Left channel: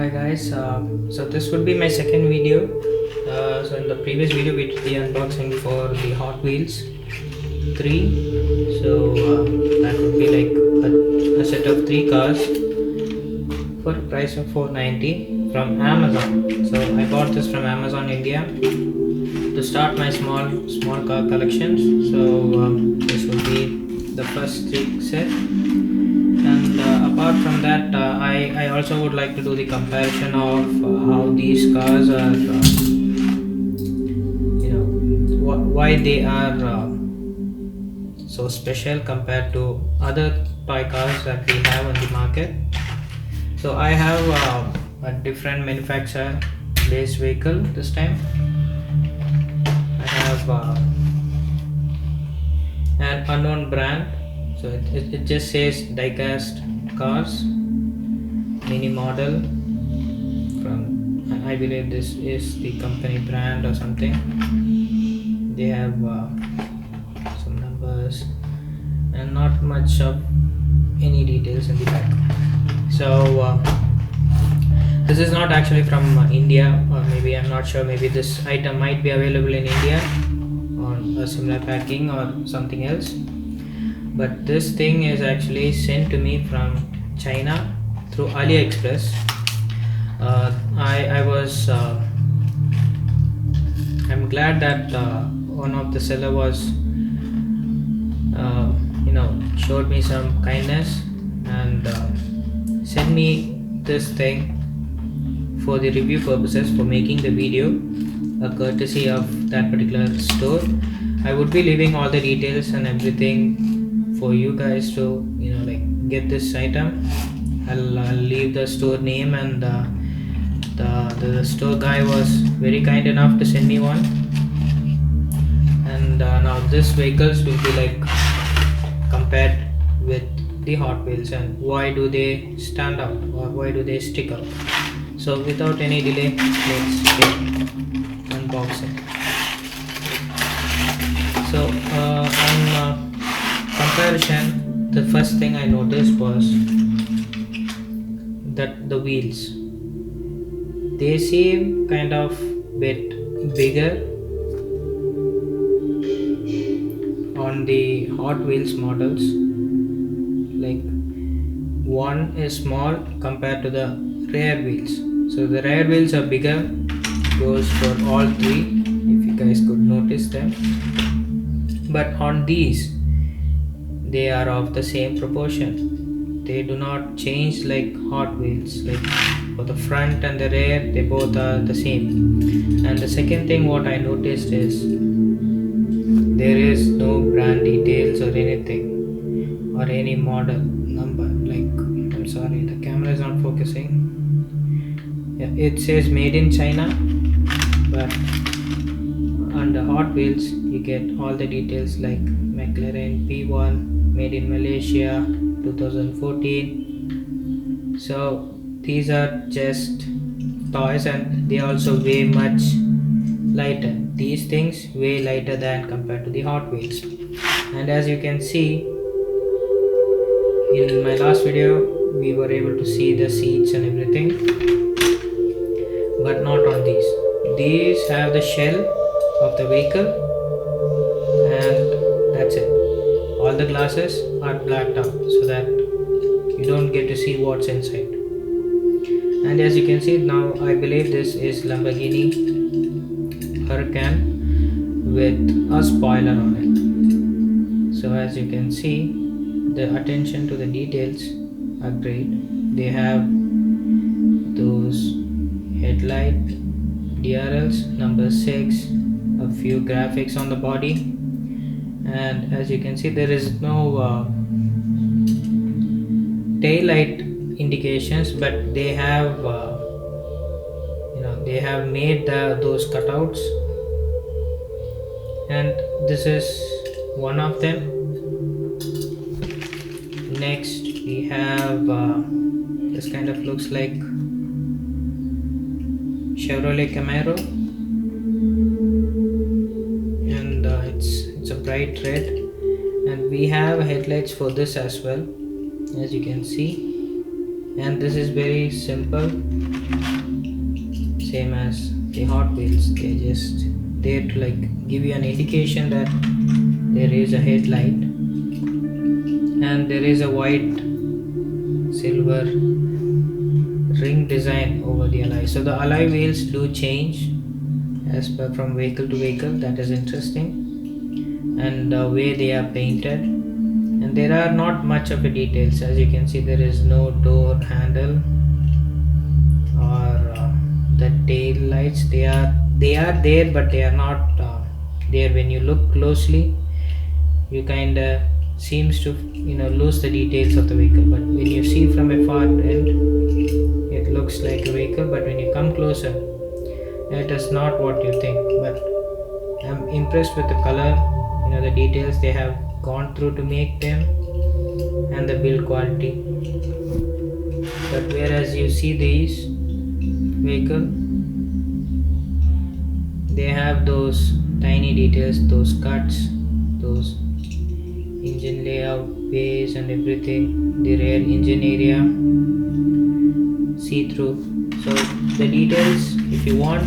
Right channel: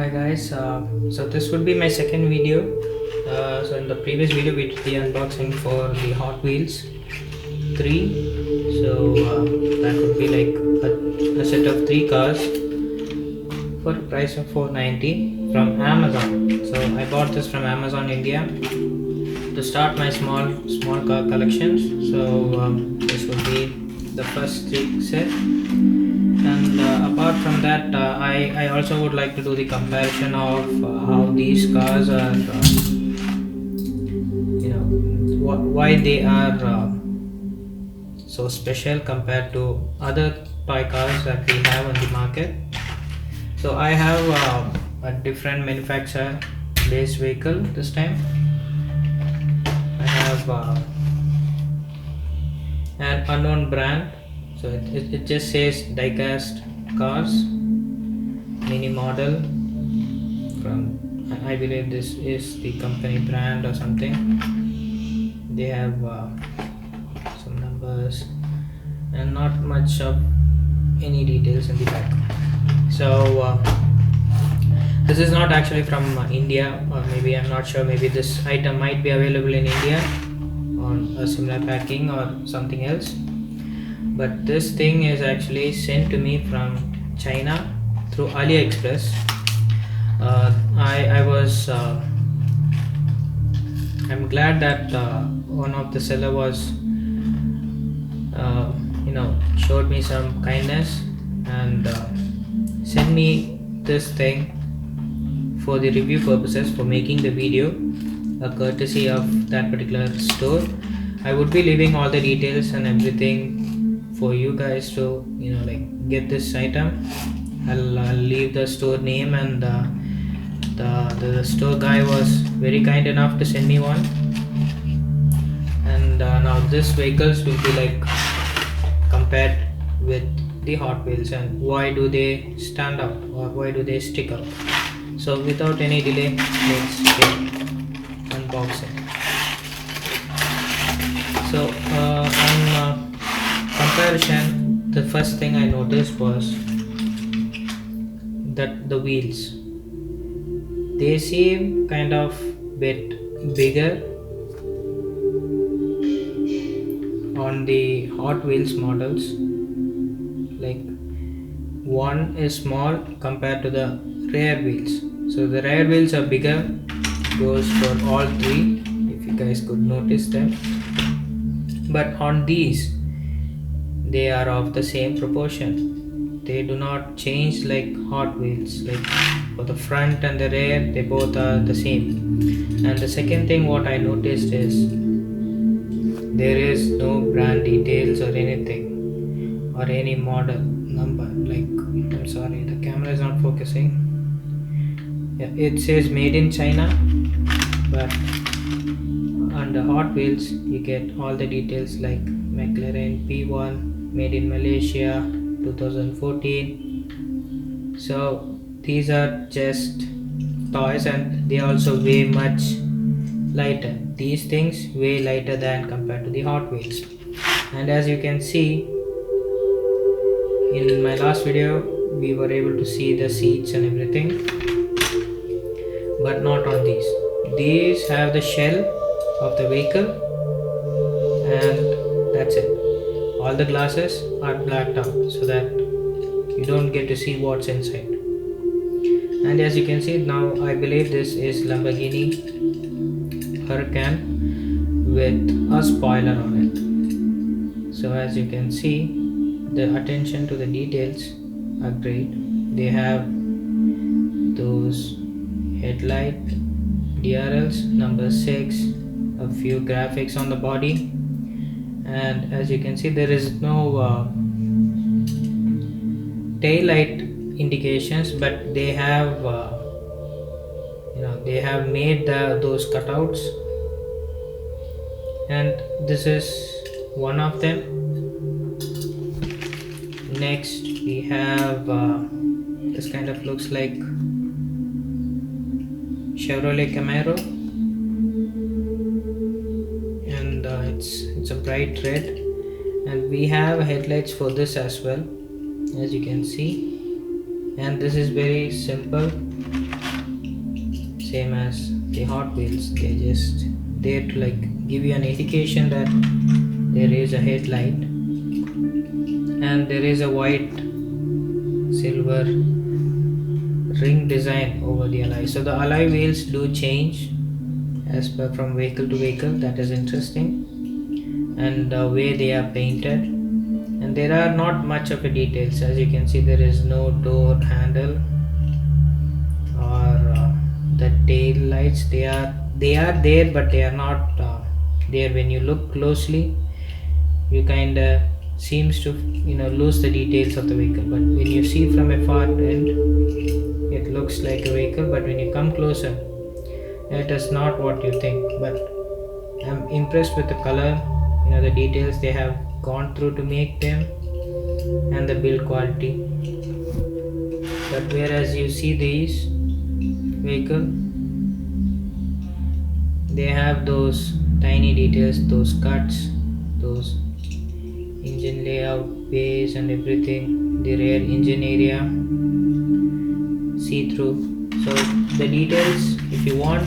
Hi guys, so this would be my second video. So in the previous video we did the unboxing for the Hot Wheels 3. So that would be like a set of 3 cars for a price of 490 from Amazon. So I bought this from Amazon India to start my small car collections. So this will be the first 3 set. And apart from that, I also would like to do the comparison of how these cars are, why they are so special compared to other toy cars that we have on the market. So I have a different manufacturer based vehicle this time. I have an unknown brand. So it just says diecast cars mini model from, I believe this is the company brand or something. They have some numbers and not much of any details in the back. So this is not actually from India, or maybe I'm not sure, maybe this item might be available in India on a similar packing or something else. But this thing is actually sent to me from China through Aliexpress. I'm glad that one of the seller was showed me some kindness and sent me this thing for the review purposes, for making the video, a courtesy of that particular store. I would be leaving all the details and everything for you guys to get this item. I'll leave the store name, and the store guy was very kind enough to send me one. And now this vehicles will be like compared with the Hot Wheels, and why do they stand out or why do they stick out. So without any delay, let's get unboxing. So on comparison, the first thing I noticed was that the wheels, they seem kind of bit bigger on the Hot Wheels models. Like one is small compared to the rear wheels. So the rear wheels are bigger, goes for all 3, if you guys could notice them. But on these, they are of the same proportion. They do not change like Hot Wheels. Like for the front and the rear, they both are the same. And the second thing what I noticed is there is no brand details or anything, or any model number. Like, I'm sorry, the camera is not focusing. Yeah, it says made in China, but on the Hot Wheels you get all the details like McLaren P1, made in Malaysia 2014. So these are just toys, and they also weigh much lighter. These things weigh lighter than compared to the Hot Wheels. And as you can see in my last video, we were able to see the seats and everything, but not on these. These have the shell of the vehicle, and that's it. All the glasses are blacked out so that you don't get to see what's inside. And as you can see now, I believe this is Lamborghini Huracan with a spoiler on it. So as you can see, the attention to the details are great. They have those headlight DRLs number 6, a few graphics on the body, and as you can see there is no tail light indications, but they have they have made those cutouts, and this is one of them. Next we have this kind of looks like Chevrolet Camaro, and it's a bright red, and we have headlights for this as well, as you can see. And this is very simple. same as the Hot Wheels. They're just there to like give you an indication that there is a headlight and there is a white silver ring design over the alloy. So the alloy wheels do change as per from vehicle to vehicle. That is interesting, and the way they are painted, and there are not much of a details. As you can see, there is no door handle or the tail lights. They are there, but they are not there. When you look closely, you kind of seems to lose the details of the vehicle, but when you see from a far end, it looks like a vehicle, but when you come closer, it is not what you think. But I'm impressed with the color, the details they have gone through to make them, and the build quality. But whereas you see these vehicle, they have those tiny details, those cuts, those engine layout, base and everything, the rear engine area, see through. So the details, if you want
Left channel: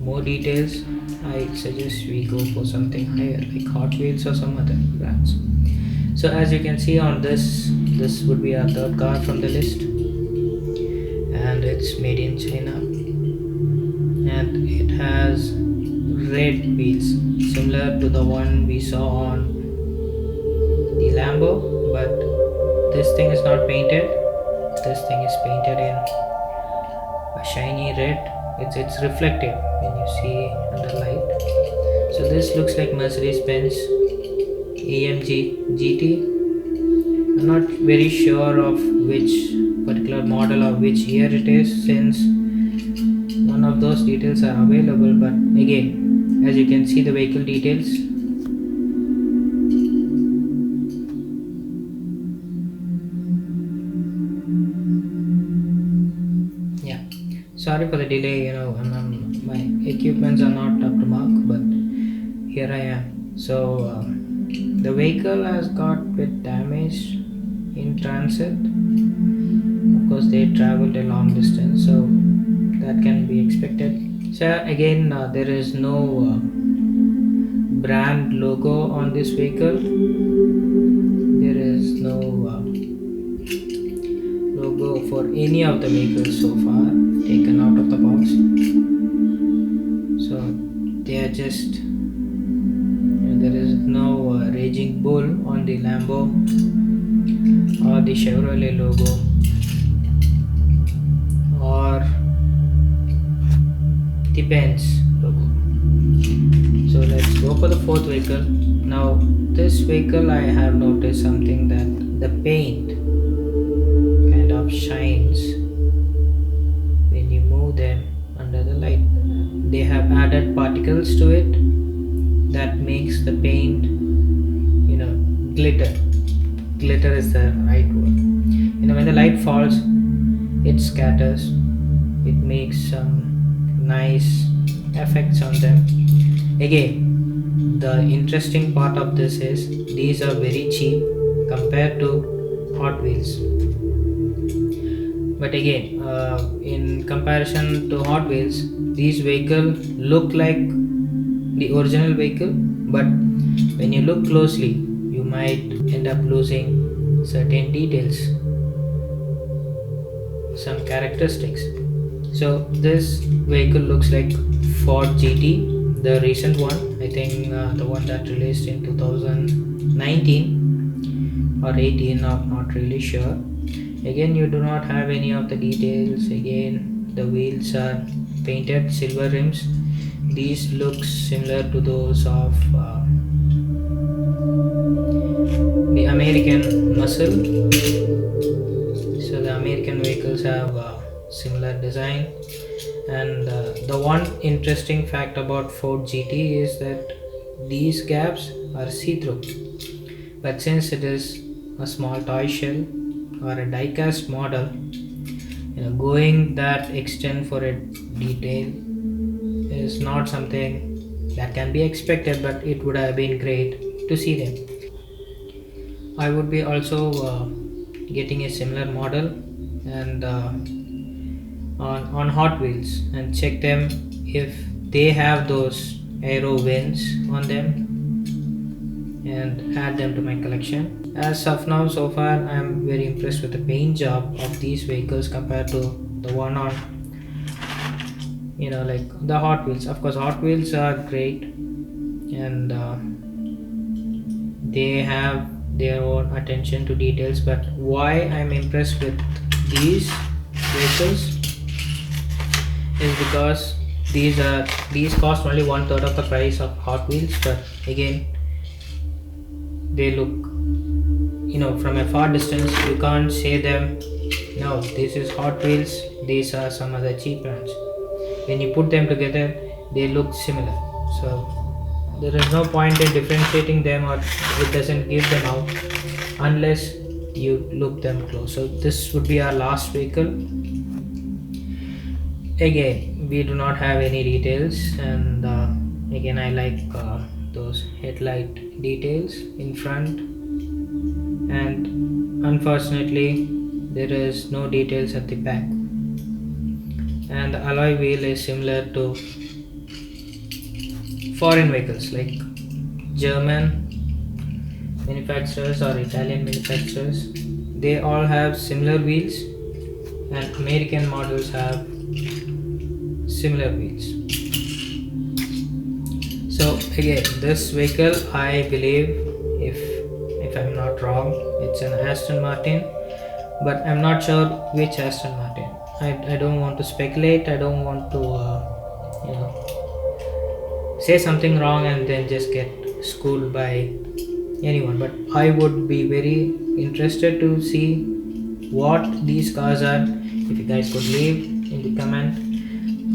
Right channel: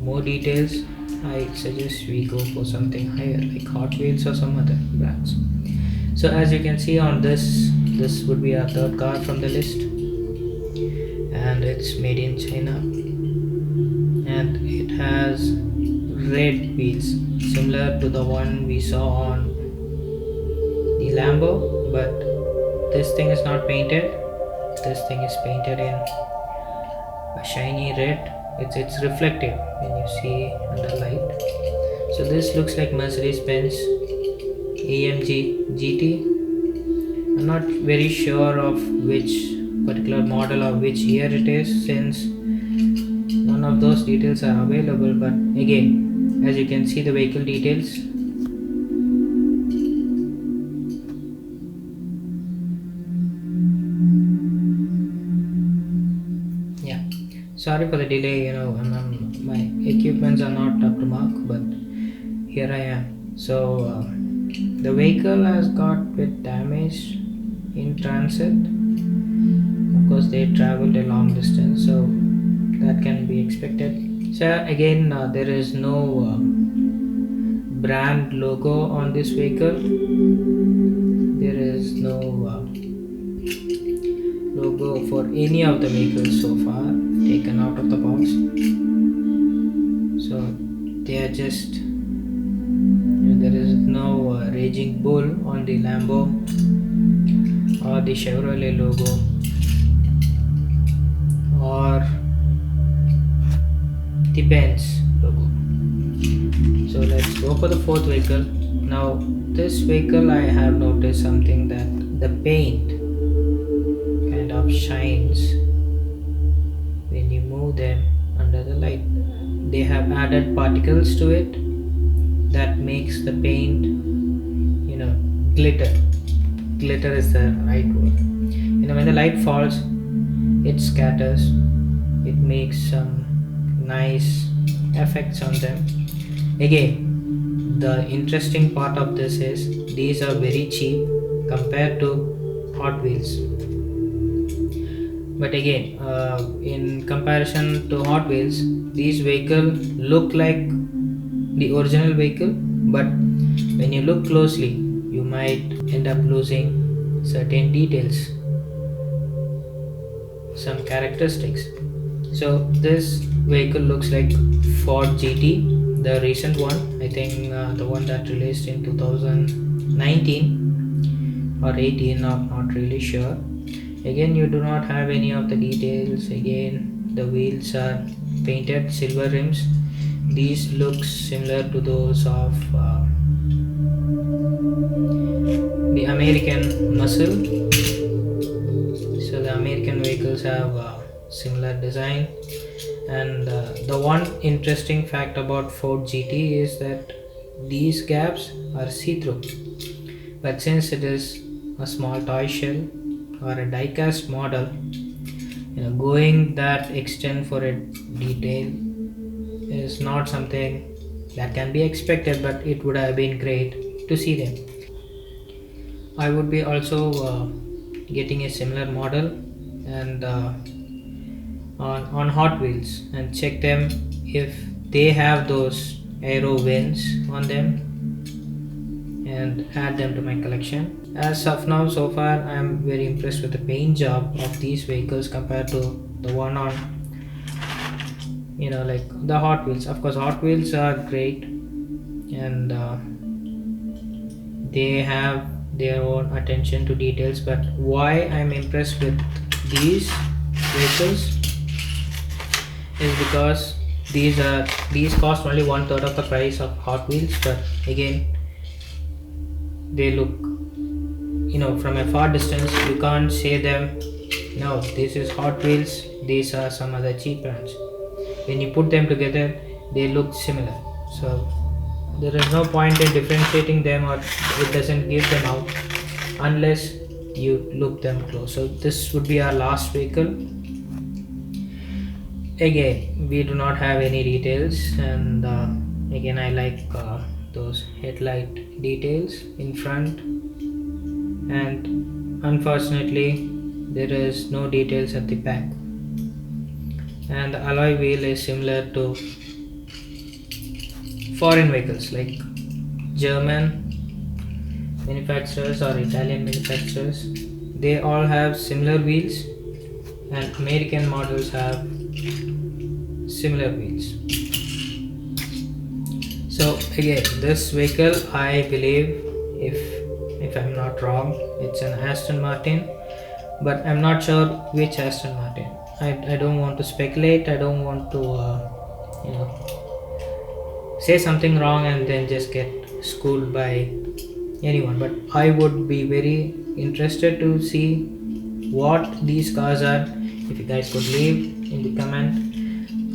more details, I suggest we go for something higher like Hot Wheels or some other brands. So as you can see on this would be our third car from the list, and it's made in China, and it has red wheels similar to the one we saw on the Lambo, but this thing is not painted. This thing is painted in a shiny red. It's reflective when you see under light. So this looks like Mercedes-Benz AMG GT. I'm not very sure of which particular model or which year it is, since none of those details are available. But again, as you can see the vehicle details, yeah, sorry for the delay, my equipments are not up to mark, but here I am. So the vehicle has got bit damaged in transit. Of course, they traveled a long distance, so that can be expected. So again, there is no brand logo on this vehicle. There is no logo for any of the vehicles so far, taken out of the box. So they are just, there is no Raging Bull on the Lambo or the Chevrolet logo or the Benz logo. So let's go for the fourth vehicle. Now this vehicle, I have noticed something, that the paint kind of shines when you move them under the light. They have added particles to it that makes the paint glitter is the right word. When the light falls, it scatters, it makes some nice effects on them. Again, the interesting part of this is these are very cheap compared to Hot Wheels. But again, in comparison to Hot Wheels, these vehicles look like the original vehicle, but when you look closely, you might end up losing certain details, some characteristics. So this vehicle looks like Ford GT, the recent one. I think the one that released in 2019 or 18, not really sure. Again, you do not have any of the details. Again, the wheels are painted silver rims. These look similar to those of the American muscle. So the American vehicles have similar design, and the one interesting fact about Ford GT is that these gaps are see-through, but since it is a small toy shell or a die-cast model, going that extent for a detail is not something that can be expected, but it would have been great to see them. I would be also getting a similar model, and on Hot Wheels and check them if they have those aero vents on them and add them to my collection. As of now, so far I am very impressed with the paint job of these vehicles compared to the one on like the Hot Wheels. Of course, Hot Wheels are great, and they have their own attention to details, but why I'm impressed with these vehicles is because these cost only one third of the price of Hot Wheels, but again they look, from a far distance you can't say them, no, this is Hot Wheels, these are some other cheap brands. When you put them together they look similar, so there is no point in differentiating them, or it doesn't give them out unless you look them close. So this would be our last vehicle. Again, we do not have any details, and again I like those headlight details in front, and unfortunately there is no details at the back, and the alloy wheel is similar to foreign vehicles like German manufacturers or Italian manufacturers. They all have similar wheels, and American models have similar wheels. So again, this vehicle, I believe, if I'm not wrong, it's an Aston Martin, but I'm not sure which Aston Martin. I don't want to speculate, I don't want to say something wrong and then just get schooled by anyone, but I would be very interested to see what these cars are. If you guys could leave in the comment,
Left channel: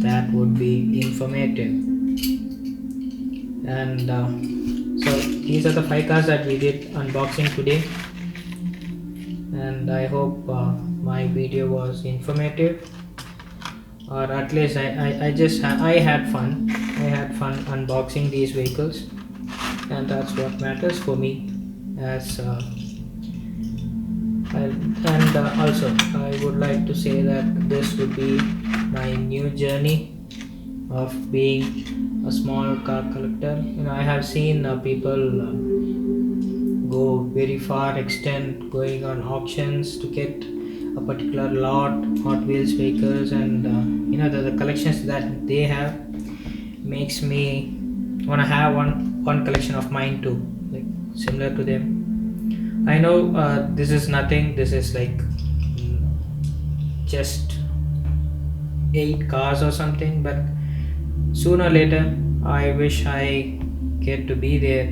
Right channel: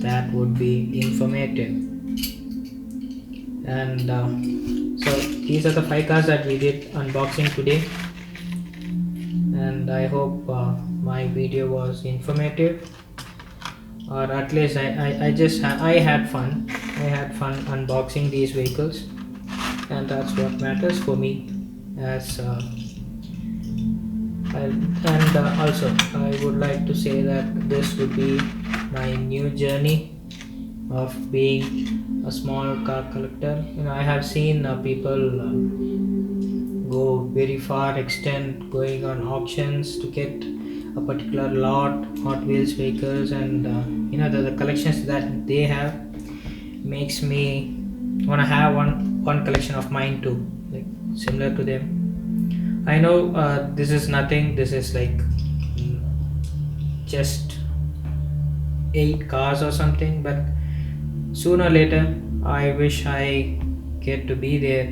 that would be informative. And so these are the 5 cars that we did unboxing today, and I hope my video was informative, or at least I had fun. I had fun unboxing these vehicles, and that's what matters for me. And also I would like to say that this would be my new journey of being a small car collector. I have seen people go very far extent, going on auctions to get a particular lot Hot Wheels vehicles, and the collections that they have makes me want to have one collection of mine too, like similar to them. I know this is nothing, this is like just 8 cars or something, but sooner or later I wish I get to be there